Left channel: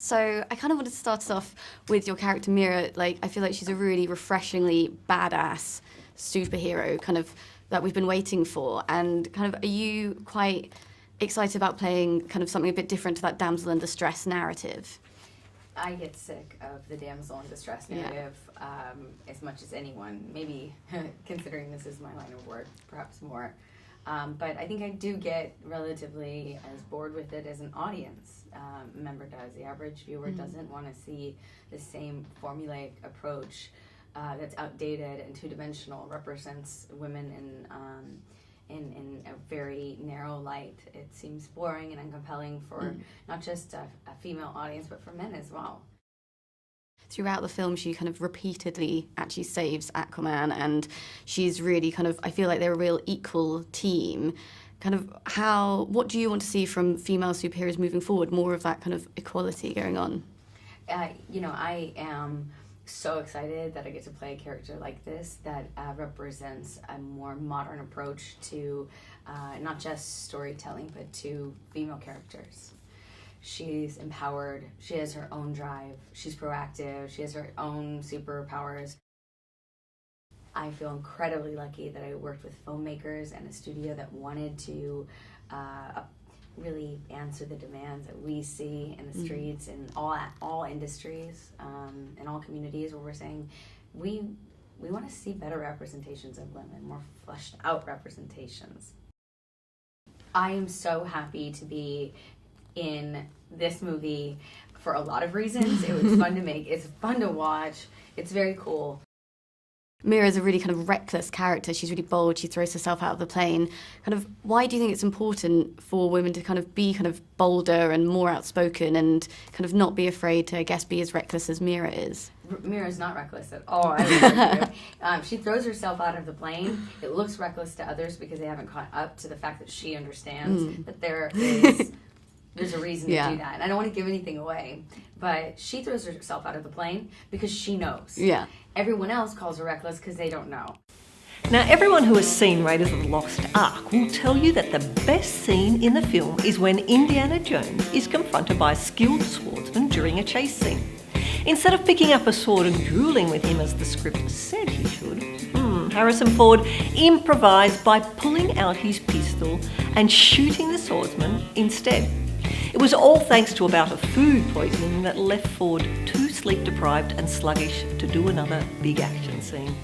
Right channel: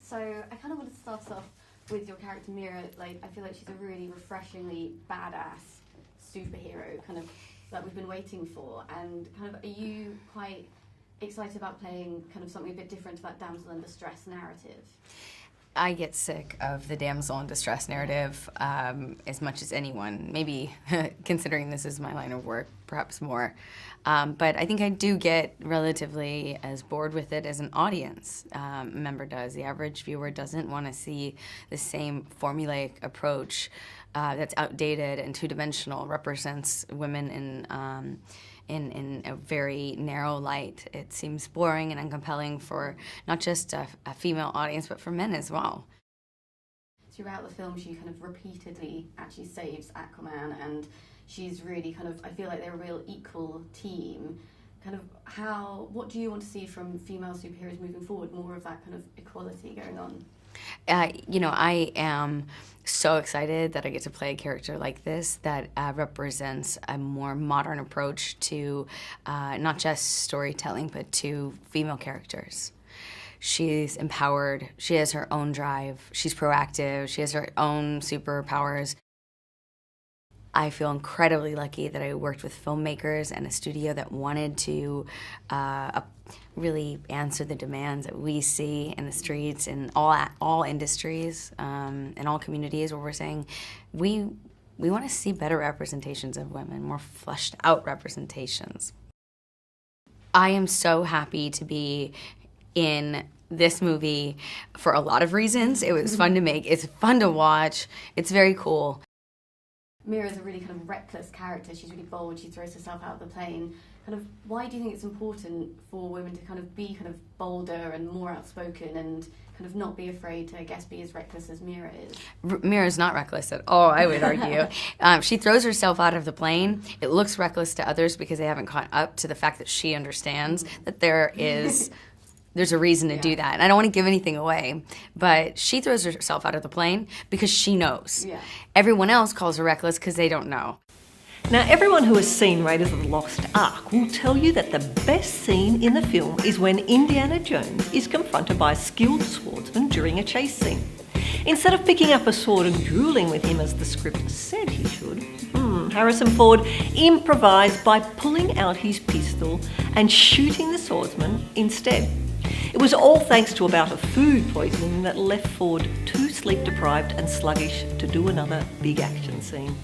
So I kind of wanted to start us off with your character Mira. Like, I feel like she's a really refreshingly badass superhero, kind of that we've been waiting for. And kind of, are you quite excited about playing kind of something a bit different to that damsel in distress narrative? I get sick of the damsel in distress narrative as much as anyone. Maybe considering this is my line of work, perhaps more. But I think I do get relatively as bored with it as an audience member does. The average viewer doesn't want to see the same formulaic approach that's outdated and two-dimensional, represents women in a very narrow light. It seems boring and uncompelling for not just a female audience, but for men as well. Throughout the film, she kind of repeatedly actually saves Aquaman, and she's really kind of, I feel like they're a real equal team. Kind of what do you want to see from female superheroes moving forward? More of that kind of equality going on? I am so excited that I get to play a character like this that represents a more modern approach to not just storytelling, but to female characters. She's empowered, she has her own drive, she's proactive, she has her own superpowers. I feel incredibly lucky that I worked with filmmakers and a studio that wanted to really answer the demands that we see in the streets in all industries and all communities, where we're saying we want to see better representations of women, more fleshed out representations. I am so happy to be in this movie for a lot of reasons. It was fun to make, it's fun to watch, it's very cool. Mira's a really kind of reckless character. She's really bold, she throws herself out of the plane. Kind of, why do you think it's important for women to kind of be kind of bolder and more outspoken and kind of not be afraid to, I guess, be as reckless as Mira is? Mira's not reckless at all, I would argue. She throws herself out of the plane. It looks reckless to others because they haven't caught up to the fact that she understands that there's a reason to do that. And I don't want to give anything away, but she throws herself out of the plane because she knows. Yeah. Everyone else calls her reckless because they don't know. Now, everyone who has seen Raiders of the Lost Ark will tell you that the best scene in the film is when Indiana Jones is confronted by a skilled swordsman during a chase scene. Instead of picking up a sword and dueling with him as the script said he should, Harrison Ford improvised by pulling out his pistol and shooting the swordsman instead. It was all thanks to a bout of food poisoning that left Ford too sleep-deprived and sluggish to do another big action scene.